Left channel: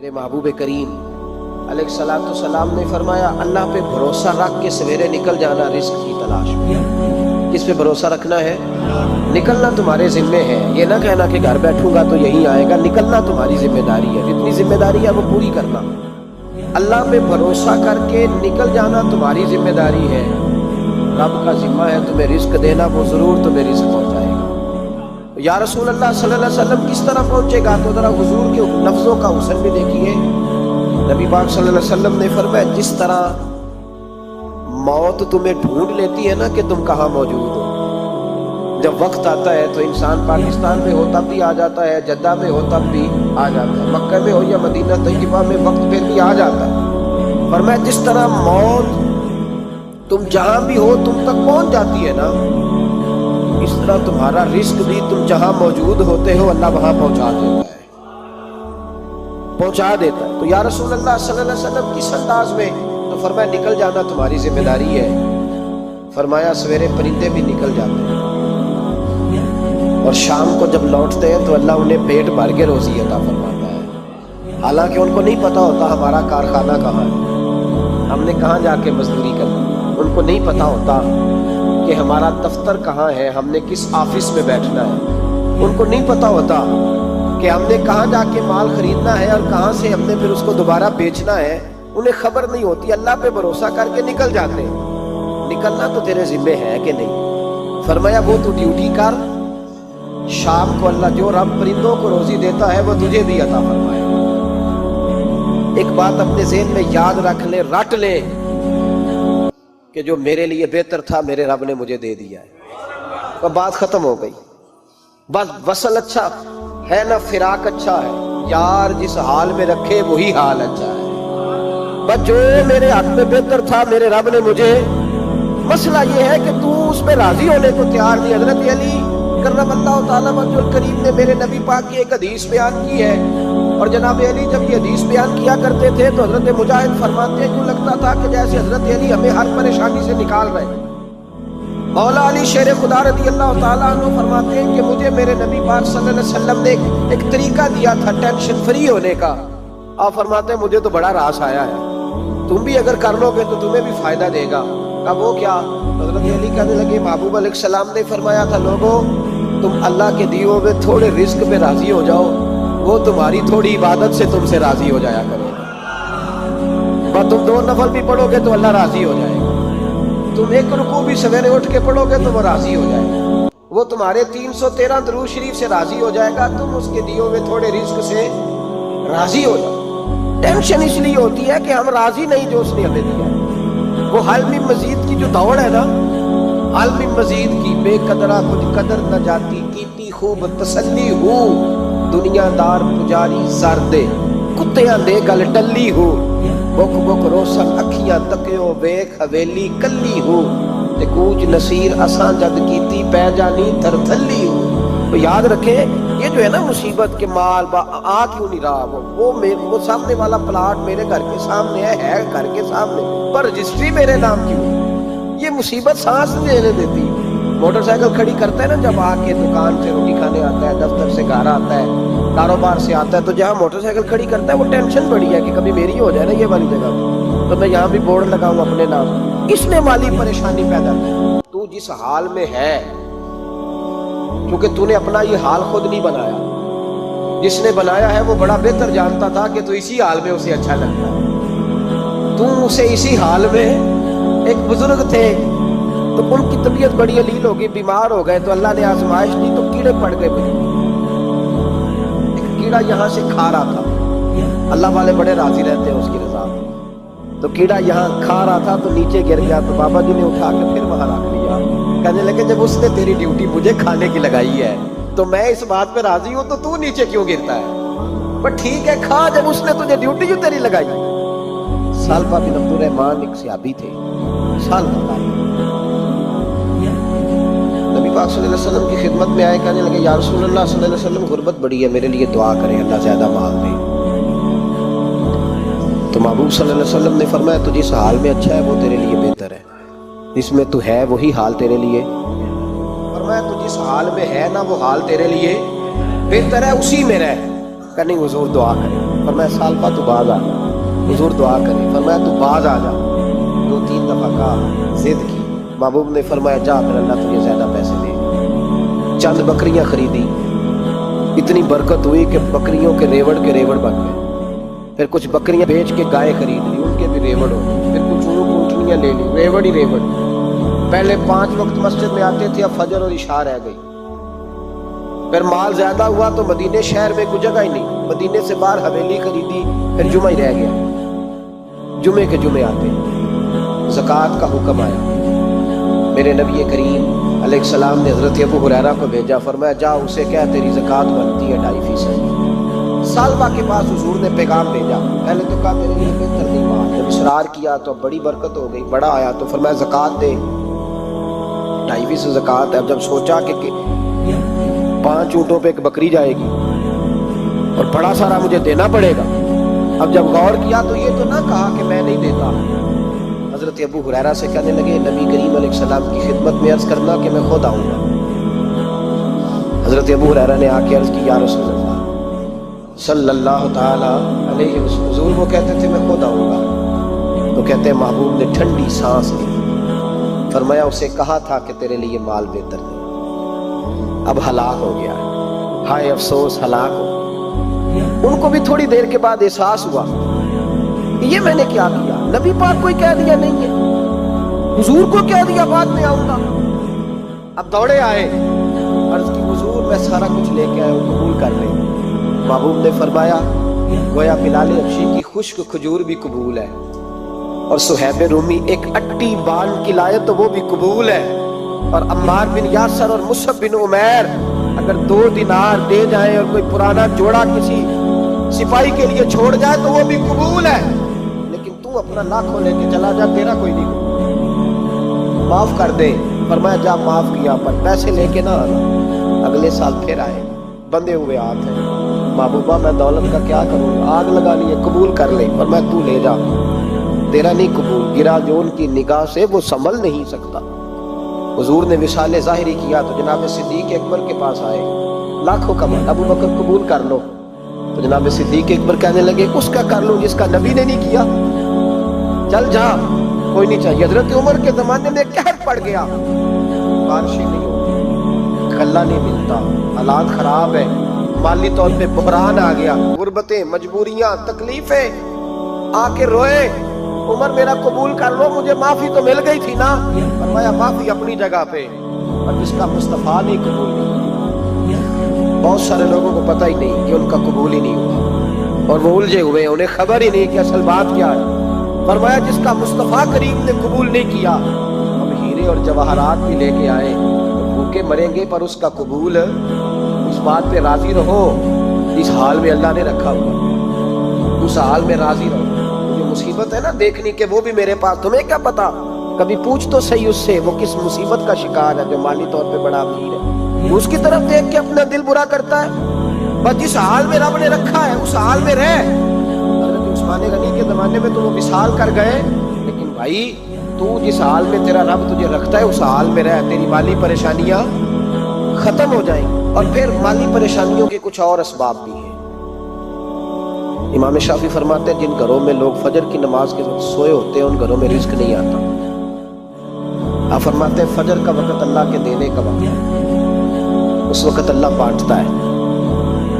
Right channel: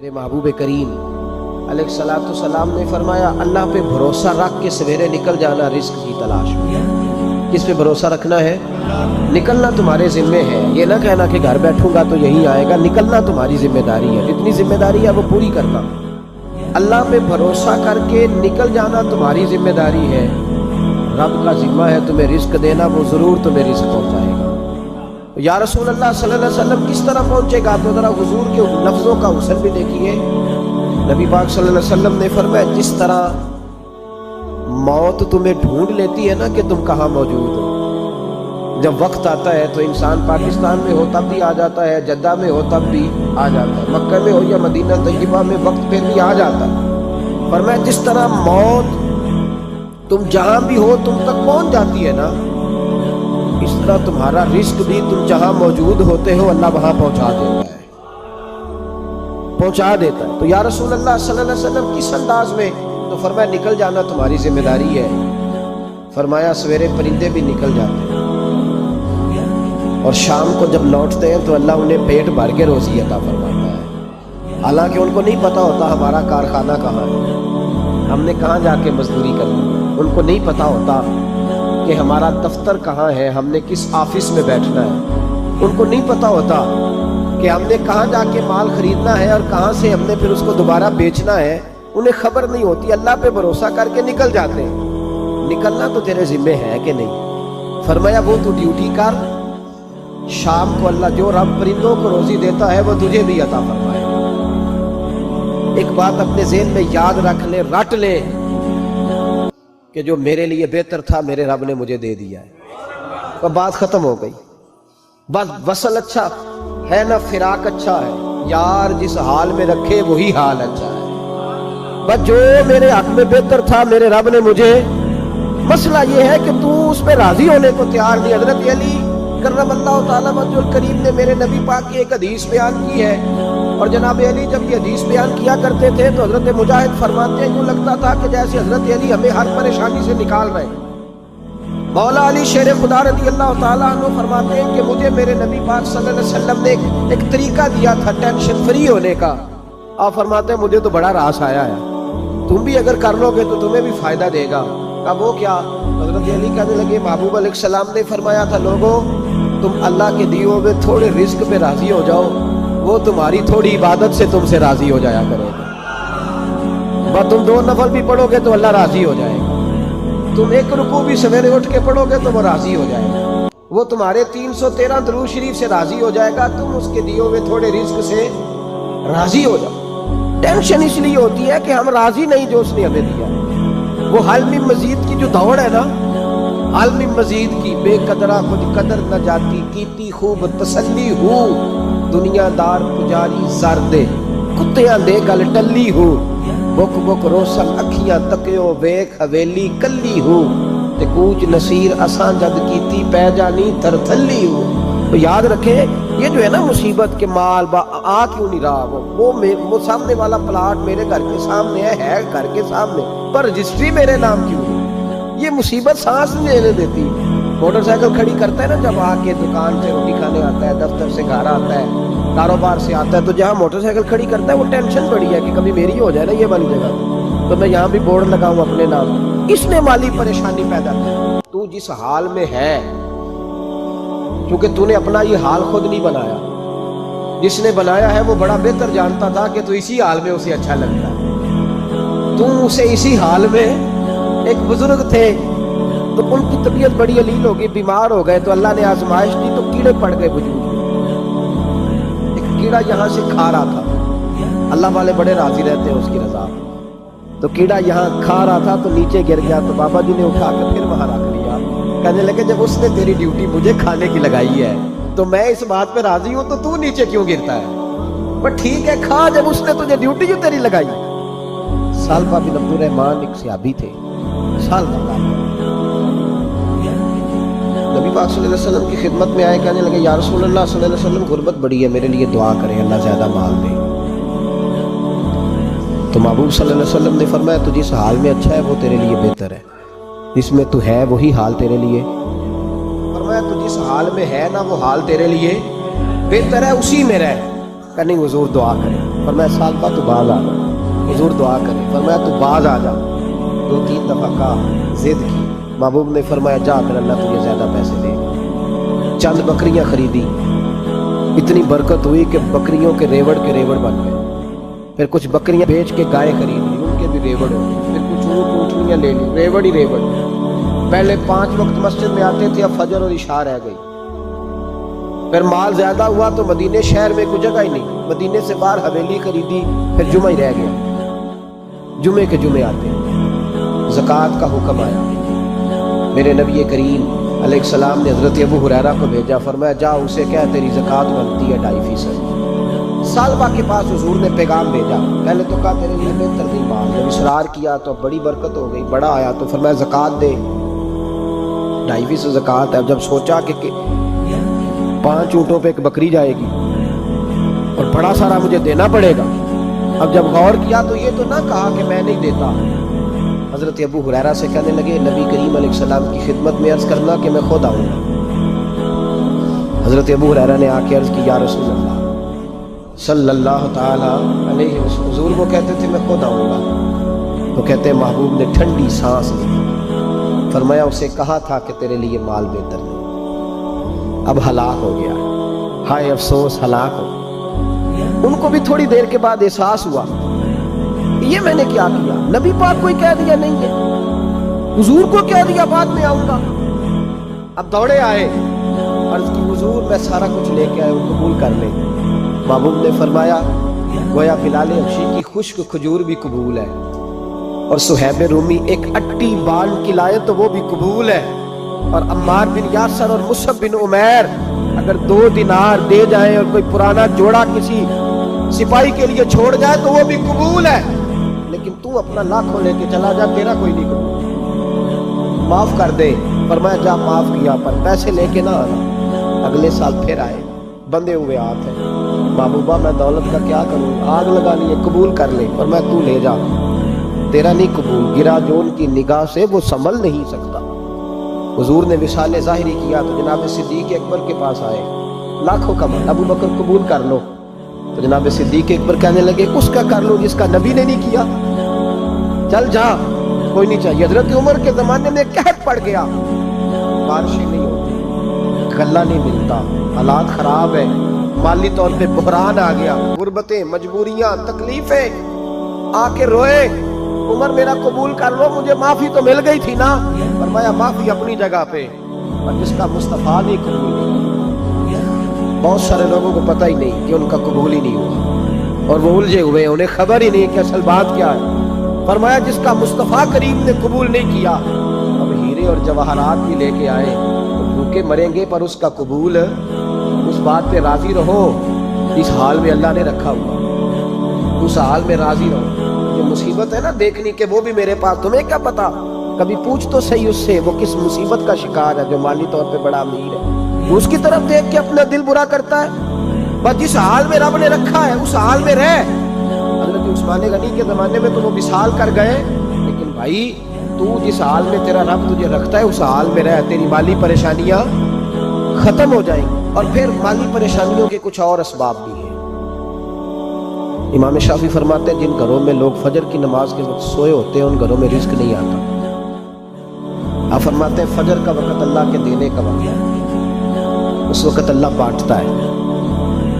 میرے محبوب کریم علیہ الصلوۃ والسلام نے فرمایا اللہ پہ بھروسہ رکھ کے سویرے نکل جانا رزق کی تلاش میں۔ کس پہ بھروسہ رکھنا ہے؟ نکلنا تمہارے ذمے ہے، یہ نہ کہنا کہ گھر بیٹھوں گا تو یہی آئے گا، نکلنا تمہاری ذمہ داری ہے، جتنی ذمہ داری ہے وہ پوری کرنا۔ اللہ پہ بھروسہ کر کے نکل جانا تمہاری ذمہ داری ہے، رب کا ذمہ ہے تمہیں رزق دینا، وہ ضرور تمہیں رزق پہنچائے گا۔ یا رسول اللہ صلی اللہ علیہ وسلم کس طرح پہنچے گا؟ تو ذرا حضور کے لفظوں کا حسن بھی دیکھیے۔ نبی پاک صلی اللہ علیہ وسلم نے فرمایا جس طرح موت تمہیں ڈھونڈ لیتی ہے نا کہ تم کہاں موجود ہو، جب وقت آتا ہے تو انسان پاکستان میں ہو تب بھی آ جاتا ہے، جدہ میں ہو تب بھی آ جاتا ہے، مکہ میں ہو یا مدینہ طیبہ میں وقت پھر بھی آ جاتا ہے۔ فرمایا جس طرح موت تم جہاں بھی ہو تم تک پہنچ جاتی ہے نا، اس طرح تمہارا رزق بھی تم جہاں موجود ہوتے ہو اللہ وہاں پہنچا دیتا ہے۔ تو یا رسول اللہ صلی اللہ علیہ وسلم کس انداز میں؟ تو فرمایا نکل جانا تمہاری ذمہ داری ہے۔ فرمایا سویرے پرندے بھی نکل جاتے ہیں اور شام کو جب لوٹتے ہیں تو اللہ انہیں پیٹ بھر کے روزی عطا فرماتا ہے، حالانکہ ان کو نہیں پتا ہوتا ہمارا کارخانہ کہاں ہے، ہم نے کہاں جا کے مزدوری کرنی ہے، ان کو نہیں پتا ہوتا کہ ہمارا دفتر کہاں ہے، ہم نے کس آفس میں بیٹھنا ہے، ان کو نہیں پتا ہوتا کہ ہم نے کہاں جا کے مال خریدنا ہے اور کہاں سے ہم نے پھر اس کو دوبارہ بیچنا ہے، انہیں خبر نہیں ہوتی۔ اللہ پہ بھروسہ کر کے نکل جاتے ہیں۔ نکلنا تو تیرے ذمہ ہے کہ نہیں؟ فرمایا وہ تو ڈیوٹی کر، شام کو اللہ جو رب پرندوں کو روزی دیتا ہے وہ تجھے بھی عطا فرمائے گا۔ ایک بات اپنے ذہن میں یاد رکھ لے، رٹ لے کہ جو میرے لیے بہتر تھا میرے رب نے مجھے دے دیا ہے، بات ختم ہو گئی۔ بس وصل اچھا ہے نہ فراق اچھا ہے، یار جس حال میں رکھے وہی حال اچھا ہے۔ بس جو میرے حق میں بہتر تھا میرے رب نے مجھے، مسئلہ یہ ہے کہ تو اس پہ راضی ہونے کو تیار نہیں۔ حضرت علی کرم اللہ تعالیٰ وجہ الکریم نے میرے نبی پاک کی ایک حدیث بیان کی ہے، اور جناب علی جب یہ حدیث بیان کیا کرتے تھے تو حضرت مجاہد فرماتے ہیں یوں لگتا تھا کہ جیسے حضرت علی ہمیں ہر پریشانی سے نکال رہے ہیں۔ مولا علی شیر خدا رضی اللہ تعالیٰ عنہ فرماتے ہیں کہ مجھے میرے نبی پاک صلی اللہ علیہ وسلم نے ایک طریقہ دیا تھا ٹینشن فری ہونے کا۔ آپ فرماتے ہیں مجھے تو بڑا راس آیا ہے، تم بھی اگر کر لو گے تو تمہیں بھی فائدہ دے گا۔ اب وہ کیا؟ حضرت علی کہنے لگے محبوب علیہ السلام نے فرمایا تھا لوگوں تم اللہ کے دیے ہوئے تھوڑے رزق پہ راضی ہو جاؤ، وہ تمہاری تھوڑی عبادت سے تم سے راضی ہو جایا کرے گا۔ بس تم 2 نفل بھی پڑھو گے تو اللہ راضی ہو جائے گا، تم 1 رکوع بھی سویرے اٹھ کے پڑھو گے تو وہ راضی ہو جائے گا، وہ تمہارے 313 درود شریف سے راضی ہو جائے گا، تم اس کے دیے ہوئے تھوڑے رزق سے راضی ہو جاؤ۔ ٹینشن اس لیے ہوتی ہے کہ ہم راضی نہیں جو اس نے ہمیں دیا۔ وہ حلم مزید کی جو دوڑ ہے نا، حلم مزید کی، بے قدرہ کچھ قدر نہ جاتی، کیتی خوب تسلی ہو، دنیا دار پجاری زردے کتیاں دے گل ٹلی ہو، بک بک روشن اکھیاں تکیو ویکھ حویلی کلی ہو، تے کوچ نصیر اساں جد کیتی پہ جانی تھر تھلی ہو۔ تو یاد رکھیں یہ جو ہے نا مصیبت کے مال آ کیوں نہیں رہا، وہ سامنے والا پلاٹ میرے گھر کے سامنے ہے گھر کے سامنے، پر رجسٹری میرے نام کیوں نہیں؟ یہ مصیبت سانس نہیں لینے دیتی۔ موٹر سائیکل کھڑی کرتا ہے نا جب آ کے دکان سے روٹی کھانے آتا ہے، دفتر سے گھر آتا ہے، کاروبار سے آتا ہے، تو جہاں موٹر سائیکل کھڑی کرتا ہے وہ ٹینشن بڑی ہے کہ کبھی میری ہو جائے نا یہ والی جگہ تو میں یہاں بھی بورڈ لگاؤں اپنے نام۔ اس نے مالی پریشانی پیدا کی۔ تو جس حال میں ہے، کیونکہ تو نے اپنا یہ حال خود نہیں بنایا، جس نے بنایا ہے وہ بڑا بہتر جانتا تھا کہ تو اسی حال میں اسے اچھا لگتا ہے۔ تو اسے اسی حال میں، ایک بزرگ تھے تو ان کی طبیعت بڑی علیل ہو گئی، بیمار ہو گئے، تو اللہ نے آزمائش دی تو کیڑے پڑ گئے وجود میں۔ ایک کیڑا یہاں سے کھا رہا تھا، اللہ والے بڑے راضی رہتے ہیں اس کی رضا میں، تو کیڑا یہاں کھا رہا تھا تو نیچے گر گیا، تو بابا جی نے اٹھا کے پھر وہاں رکھ لیا، کہنے لگے جب اس نے تیری ڈیوٹی مجھے کھانے کی لگائی ہے تو میں اس بات پہ راضی ہوں تو نیچے کیوں گرتا ہے؟ پر ٹھیک ہے کھا، جب اس نے تجھے ڈیوٹی جو تیری لگائی۔ سالفہ بن عبد الرحمن ایک صحابی تھے، سال کا نبی پاک صلی اللہ علیہ وسلم کی خدمت میں آئے، کہنے لگے یا رسول اللہ صلی اللہ علیہ وسلم غربت بڑی ہے، میرے لیے دعا کریں اللہ زیادہ مال دے۔ تو محبوب صلی اللہ علیہ وسلم نے فرمایا تو جس حال میں اچھا ہے وہ تیرے لیے بہتر ہے، جس میں تو ہے وہی حال تیرے لیے، فرمایا تو جس حال میں ہے نا وہ حال تیرے لیے بہتر ہے، اسی میں رہ۔ کہ نہیں حضور دعا کریں۔ فرمایا سال بعد تو باز آ جا. حضور دعا کرے, فرمایا تو باز آ جا. 2-3 دفعہ کہا, ضد کی. محبوب نے فرمایا جا پھر اللہ تجھے زیادہ پیسے دے گا. چند بکریاں خریدی, اتنی برکت ہوئی کہ بکریوں کے ریوڑ بن گئے. پھر کچھ بکریاں بیچ کے گائے خرید لی, ان کے بھی ریوڑ ہو گئے. پھر کچھ اونٹ اونٹنیاں لے لی, ریوڑ ہی ریوڑ. پہلے 5 وقت مسجد میں آتے تھے, اب فجر اور عشاء رہ گئی. پھر مال زیادہ ہوا تو مدینے شہر میں کوئی جگہ ہی نہیں, مدینے سے باہر حویلی خریدی, پھر جمعہ ہی رہ گیا. جمعے کے جمعے آتے. زکوٰۃ کا حکم آیا. میرے نبی کریم علیہ السلام نے حضرت ابو ہریرہ کو بھیجا, فرمایا جا اسے کہہ تیری زکوٰۃ بنتی ہے 2.5%. سالبہ کے پاس حضور نے پیغام بھیجا. پہلے تو کہا تیرے لیے بہتر نہیں مال, جب اصرار کیا تو بڑی برکت ہو گئی, بڑا آیا تو فرمایا زکوٰۃ دے, 2.5% زکوٰۃ ہے. اب جب سوچا کہ 5 اونٹوں پہ ایک بکری جائے گی اور بڑا سارا مجھے دینا پڑے گا, اب جب غور کیا تو یہ تو نہ کہا کہ میں نہیں دیتا. حضرت ابو ہریرہ سے کہنے لگے نبی کریم علیہ السلام کی خدمت میں عرض کرنا کہ میں خود آؤں گا. حضرت ابو ہریرہ نے آ کے عرض کی یا رسول اللہ صلی اللہ تعالی علیہ وسلم. حضور وہ کہتے تھے میں خود آؤں گا. تو کہتے ہیں محبوب نے ٹھنڈی سانس لی, فرمایا اسے کہا تھا کہ تیرے لیے مال بہتر نہیں, اب ہلاک ہو گیا. ہائے افسوس, ہلاک ہو. ان کو بھی تھوڑی دیر کے بعد احساس ہوا کہ یہ میں نے کیا کیا. نبی پاک کوئی کہہ دیا نہیں ہے, حضور کو کہہ دیا بعد میں آؤں گا. اب دوڑے آئے, عرض کی حضور میں سارا کچھ لے کے آئے, وہ قبول کر لیں. محبوب نے فرمایا گویا بلال حبشی کی خشک کھجور بھی قبول ہے, اور صہیب رومی ایک اٹی بال کی لائے تو وہ بھی قبول ہے, اور عمار بن یاسر اور مصعب بن عمیر اگر 2 دینار دے جائیں اور کوئی پرانا جوڑا کسی سپاہی کے لیے چھوڑ جائے تو وہ بھی قبول ہے. لیکن تو اپنا لاکھوں لے کے چلا جا, تیرا کوئی نہیں قبول. معاف کر دے. فرمایا جا معاف کیا, پر پیسے لے کے نہ آنا. اگلے سال پھر آئے, بندے ہوئے ہاتھ ہیں. محبوبہ میں دولت کا کیا کروں, آگ لگانی ہے, قبول کر لے. فرمایا تو لے جا, تیرا نہیں قبول. گرا جو ان کی نگاہ سے وہ سنبھل نہیں سکتا. حضور نے وصال ظاہری کیا تو جناب صدیق اکبر کے پاس آئے, لاکھوں کا مال. ابو بکر قبول کر لو. تو جناب صدیق اکبر کہنے لگے اس کا کر لو جس کا نبی نے نہیں کیا, چل جا, کوئی نہیں چاہیے. حضرت عمر کے زمانے میں قحط پڑ گیا, بارشیں نہیں ہوتی, غلہ نہیں ملتا, حالات خراب ہے, مالی طور پہ بحران آ گیا, غربتیں, مجبوریاں, تکلیفیں. آ کے روئے, عمر میرا قبول کر لو, مجھے معافی تو مل گئی تھی نا. فرمایا معافی اپنی جگہ پہ, اور جس کا مصطفیٰ نہیں قبول نہیں. بہت سارے لوگوں کو پتہ ہی نہیں کہ ان کا قبول ہی نہیں ہوا, اور وہ الجھے ہوئے, انہیں خبر ہی نہیں کہ اصل بات کیا ہے. فرمایا جس کا مصطفیٰ کریم نے قبول نہیں کیا, اب ہیرے اور جواہرات بھی لے کے آئے تو بھوکے مریں گے, پر اس کا قبول, اس بات پہ راضی رہو اس حال میں اللہ نے رکھا ہوا, اس حال میں راضی رہو. جو مصیبت ہے نا دیکھنی کہ وہ بھی میرے پاس, تمہیں کیا پتا, کبھی پوچھ تو صحیح اس سے وہ کس مصیبت کا شکار ہے. جو مالی طور پہ بڑا امیر ہے, اس کی طرف دیکھ کے اپنا دل برا کرتا ہے. بس جس حال میں رب نے رکھا ہے اس حال میں رہ. حضرت عثمان غنی کے زمانے میں تو وہ وصال کر گئے, لیکن بھائی تو جس حال میں تیرا رب تجھے رکھتا ہے اس حال میں رہ, تیری مالی پریشانیاں ختم ہو جائیں گی. اور پھر مالی پریشانیوں کے کچھ اور اسباب بھی ہیں. امام شافعی فرماتے ہیں جن گھروں میں لوگ فجر کی نماز کے وقت سوئے ہوتے ہیں ان گھروں میں رزق نہیں آتا. آپ فرماتے ہیں فجر کا وقت اللہ کے دینے کا وقت ہے, اس وقت اللہ بانٹتا ہے.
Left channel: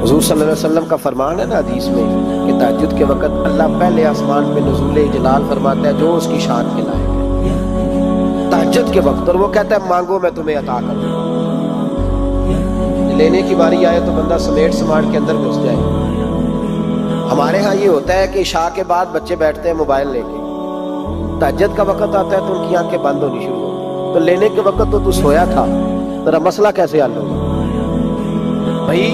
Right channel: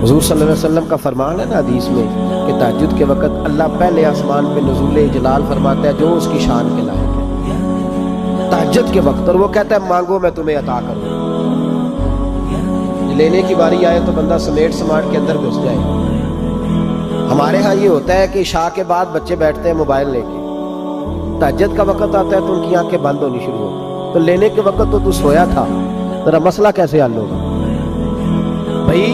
حضور صلی اللہ علیہ وسلم کا فرمان ہے نا حدیث میں کہ تہجد کے وقت اللہ پہلے آسمان پہ نزول جلال فرماتا ہے جو اس کی شان کے لائق ہے تہجد کے وقت, اور وہ کہتا ہے مانگو میں تمہیں عطا کروں. لینے کی باری آئے تو بندہ سمیٹ سماٹ کے اندر گھس جائے. ہمارے ہاں یہ ہوتا ہے کہ عشاء کے بعد بچے بیٹھتے ہیں موبائل لے کے, تہجد کا وقت آتا ہے تو ان کی آنکھیں بند ہونی شروع ہوتی, تو لینے کے وقت تو سویا تھا, تیرا مسئلہ کیسے حل ہوگا بھائی؟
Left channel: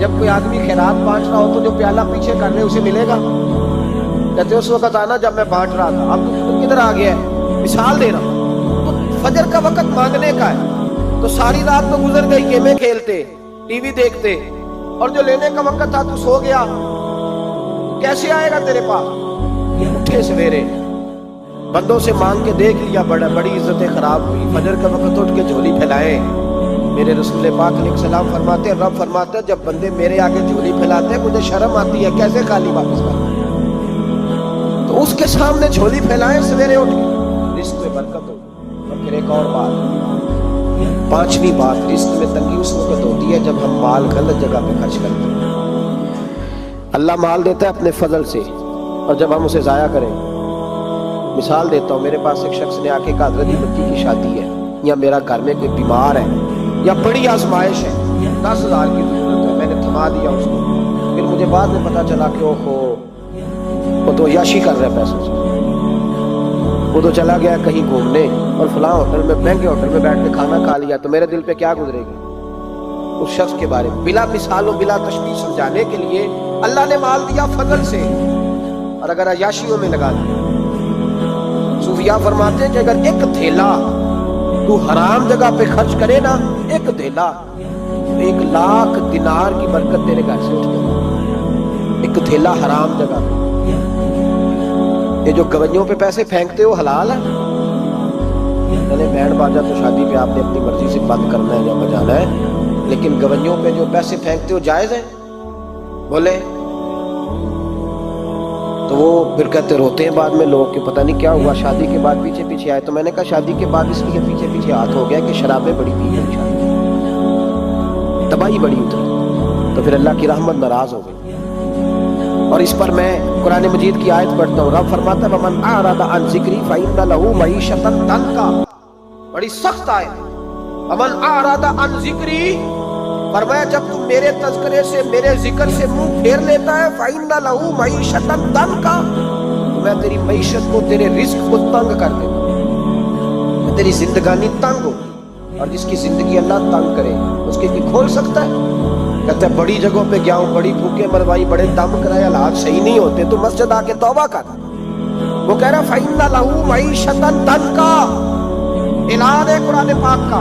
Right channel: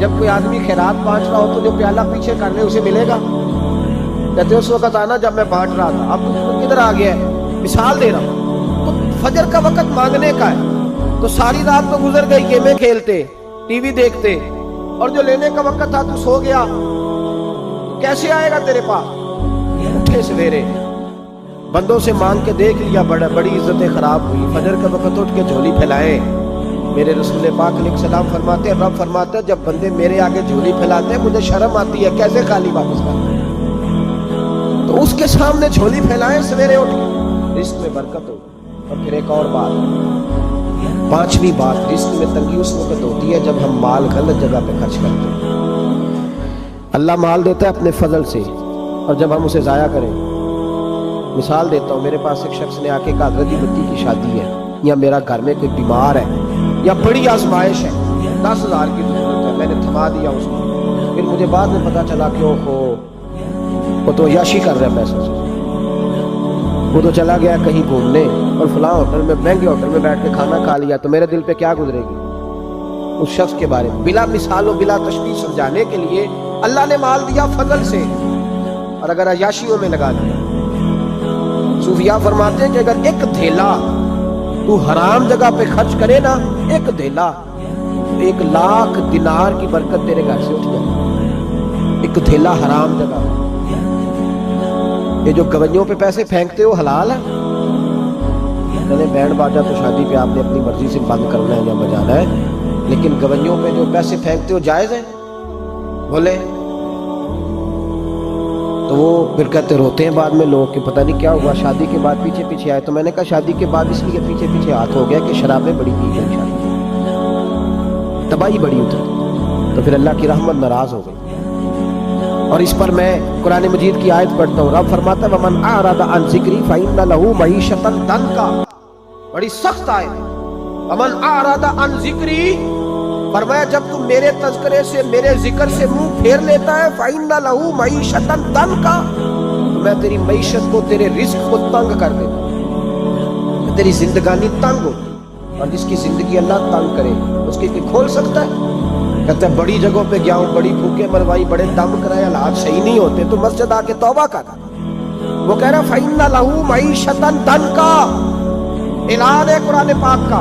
جب کوئی آدمی خیرات بانٹ رہا ہو تو جو پیالہ پیچھے کر لے اسے ملے گا. کہتے اس وقت آنا جب میں بانٹ رہا تھا, اب تو کدھر آ گیا ہے, مثال دے رہا ہوں. تو فجر کا وقت مانگنے کا ہے, تو ساری رات تو گزر گئی گیمیں کھیلتے, ٹی وی دیکھتے, اور جو لینے کا وقت تھا تو سو گیا, کیسے آئے گا تیرے پاس؟ اٹھے سویرے بندوں سے مانگ کے دیکھ لیا, بڑی عزتیں خراب ہوئی. فجر کا وقت اٹھ کے جھولی پھیلائے, میرے رسول پاک علیہ السلام فرماتے ہیں، رب فرماتے ہیں جب بندے میرے آگے جھولی پھیلاتے ہیں مجھے شرم آتی ہے، کیسے خالی واپس کرتے ہیں؟ تو اس کے سامنے جھولی پھیلائیں سویرے اٹھ کے، رزق میں برکت ہو۔ اور پھر ایک اور بات، پانچویں بات، رزق میں تنگی اس وقت ہوتی ہے جب ہم مال غلط جگہ پہ خرچ کرتے ہیں۔ اللہ مال دیتا ہے اپنے فضل سے، اور جب ہم اسے ضائع کریں، مثال دیتا ہوں، میرے پاس ایک شخص نے آ کے کہا حضرت جی بچی کی شادی ہے، یا میرا گھر میں کوئی بیمار ہے، یا بڑی آزمائش ہے، 10,000 کی ضرورت ہے، میں نے تھما دیا اس کو۔ پھر مجھے بعد میں پتا چلا کہ وہ تو عیاشی کر رہا ہے پیسوں سے، وہ تو چلا گیا کہیں گھومنے اور فلاں ہوٹل میں، مہنگے ہوٹل میں بیٹھ کے کھانا کھا لیا، تو میرے دل پہ کیا گزرے گی اس شخص کے بارے میں؟ بلا مثال و بلا تشبیہ سمجھانے کے لیے اللہ نے مال دیا فضل سے، اور اگر عیاشیوں میں لگا دیا۔ صوفیاء فرماتے ہیں کہ اگر ایک دھیلا تو حرام جگہ پہ خرچ کرے نا، ایک دھیلا، 1,00,000 دینار کی برکت تیرے گھر سے اٹھ جائے، ایک دھیلا حرام جگہ پہ۔ یہ جو گویوں پہ پیسے پھینکتے ہو حلال ہے؟ چلے بینڈ باجا تو شادی پہ آپ نے اپنی مرضی سے بند کرنا ہے یا بجانا ہے، لیکن گویوں پہ جو پیسے پھینکتے ہو جائز ہے؟ بولے تو وہ پھر کہتے روتے ہیں بعد میں لوگ کہ پتہ نہیں کیا ہوا، شادی کے بعد پیچھے پیچھے آئے۔ تو میں نے کہا شادی کے بعد اس لیے پیچھے پیچھے ہاتھ ہو گیا کہ شرابیں بڑی پی گئی، شادی تباہی بڑی اتری، تو پھر اللہ کی رحمت ناراض ہو گئی۔ اور اس پر میں قرآن مجید کی آیت پڑھتا ہوں، رب فرماتا ہے وَمَنْ أَعْرَضَ عَنْ ذِكْرِي فَإِنَّ لَهُ مَعِيشَةً ضَنْكًا، بڑی سخت آیت ہے۔ وَمَنْ أَعْرَضَ عَنْ ذِكْرِي، فرمایا جب تم میرے تذکرے سے، میرے ذکر سے منہ پھیر لیتا ہے، فَإِنَّ لَهُ مَعِيشَةً ضَنْكًا، تو میں تیری معیشت کو، تیرے رزق کو تنگ کر دیتا ہوں، تیری زندگانی تنگ ہوتی۔ اور جس کی زندگی اللہ تنگ کرے اس کی کھول سکتا ہے؟ کہتا ہے بڑی جگہوں پہ گیا ہوں، بڑی بھوکے مروائی، بڑے دم کرائے، حالات صحیح نہیں ہوتے، تو مسجد آ کے توبہ کر۔ وہ کہہ رہا فَإِنَّ لَهُ مَعِيشَةً ضَنْكًا، اعلان ہے قرآن پاک کا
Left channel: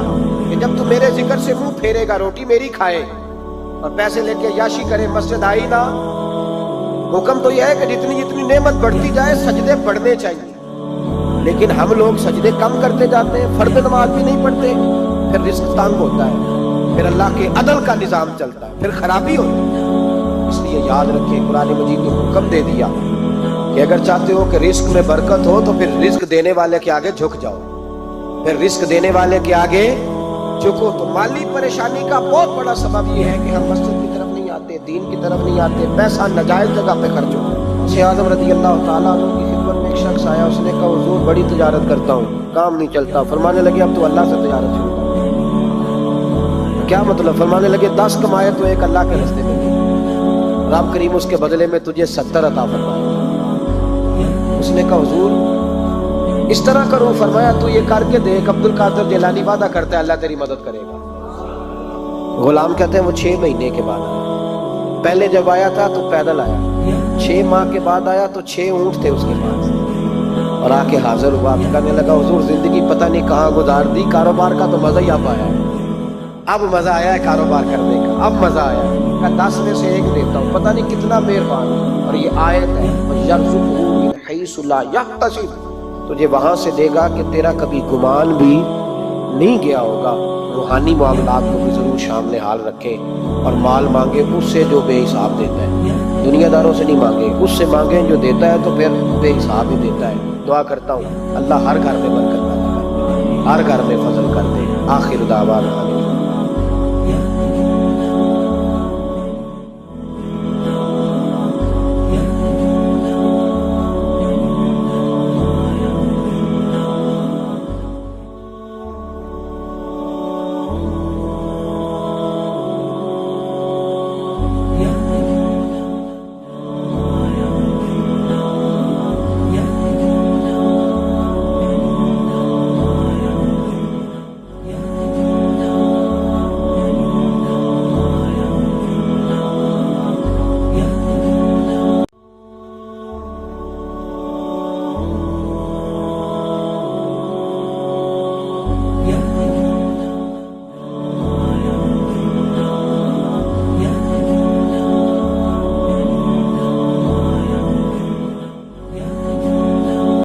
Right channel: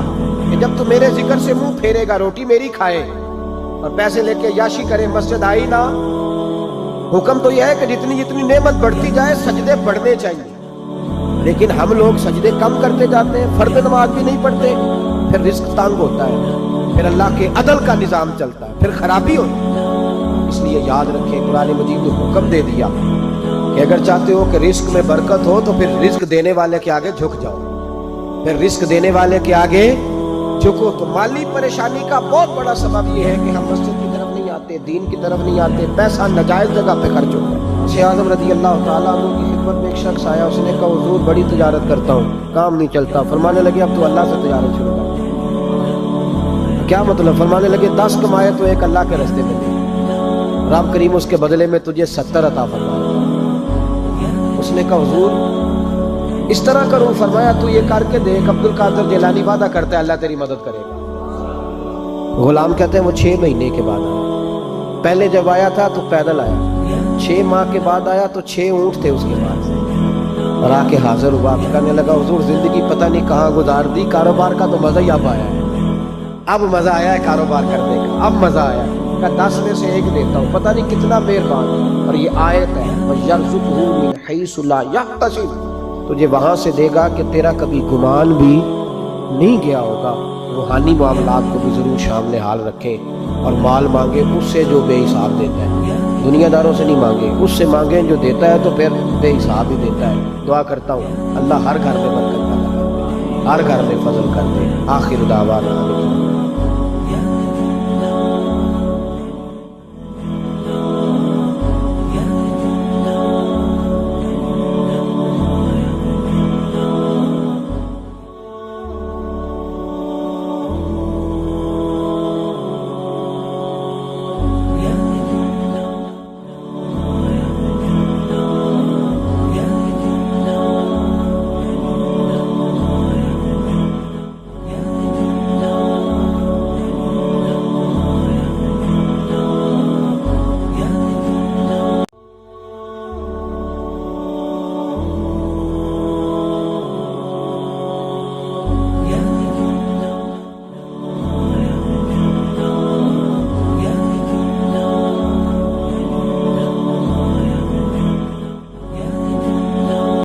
کہ جب تو میرے ذکر سے منہ پھیرے گا، روٹی میری کھائے اور پیسے لے کے عیاشی کرے، مسجد آئی نہ۔ حکم تو یہ ہے کہ جتنی جتنی نعمت بڑھتی جائے سجدے بڑھنے چاہیے، لیکن ہم لوگ سجدے کم کرتے جاتے ہیں، فرض نماز بھی نہیں پڑھتے، پھر رزق تنگ ہوتا ہے، پھر اللہ کے عدل کا نظام چلتا ہے، پھر خرابی ہوتی ہے۔ اس لیے یاد رکھیں قرآن مجید نے حکم دے دیا کہ اگر چاہتے ہو کہ رزق میں برکت ہو تو پھر رزق دینے والے کے آگے جھک جاؤ، پھر رزق دینے والے کے آگے جھکو۔ تو مالی پریشانی کا بہت بڑا سبب یہ ہے کہ ہم مسجد کی طرف نہیں آتے، دین کی طرف نہیں آتے، پیسہ ناجائز جگہ پہ خرچ ہوتا ہے۔ غوث اعظم رضی اللہ تعالیٰ عنہ کی خدمت میں ایک شخص آیا، اس نے کہا حضور بڑی تجارت کرتا ہوں، کام نہیں چلتا۔ فرمانے لگے اب تو اللہ سے تجارت شروع کر۔ کیا مطلب؟ فرمانے لگے 10 کمائے تو ایک اللہ کے راستے میں دے، رب کریم اس کے بدلے میں تجھے 70 عطا فرمائے۔ اس نے کہا حضور اس طرح کروں؟ فرمایا تو یہ کر کے دیکھ، عبد القادر جیلانی وعدہ کرتا ہے اللہ تیری مدد کرے گا۔ غلام کہتے ہیں وہ 6 مہینے کے بعد آیا، پہلے جب آیا تھا تو پیدل آیا، 6 ماہ کے بعد آیا تو 6 اونٹ تھے اس کے پاس، اور آ کے حاضر ہوا، کہنے لگا حضور زندگی پتہ نہیں کہاں گزار دی، کاروبار کا تو مزہ ہی اب آیا ہے، اب مزہ آیا ہے کاروبار کرنے کا، اب مزہ آیا ہے۔ کہ 10 میں سے 1 دیتا ہوں، پتہ نہیں کتنا مہربان ہے۔ اور یہ آیت ہے وَيَرْزُقْهُ مِنْ حَيْثُ لَا يَحْتَسِبُ، تجھے وہاں سے دے گا کہ تیرا کبھی گمان بھی نہیں گیا ہوگا۔ روحانی معاملات کو بھی ضرور شامل حال رکھیں، اور مال مانگے اس سے جو بے حساب دیتا ہے، دنیا داروں سے نہیں مانگے، اس سے مانگیں جو دیتا ہے تو پھر بے حساب ہی دیتا ہے۔ دعا کرتا ہوں اللہ ہر گھر میں برکت پیدا کر دے، ہر گھر میں فضل کر دے۔ آخر دعوانا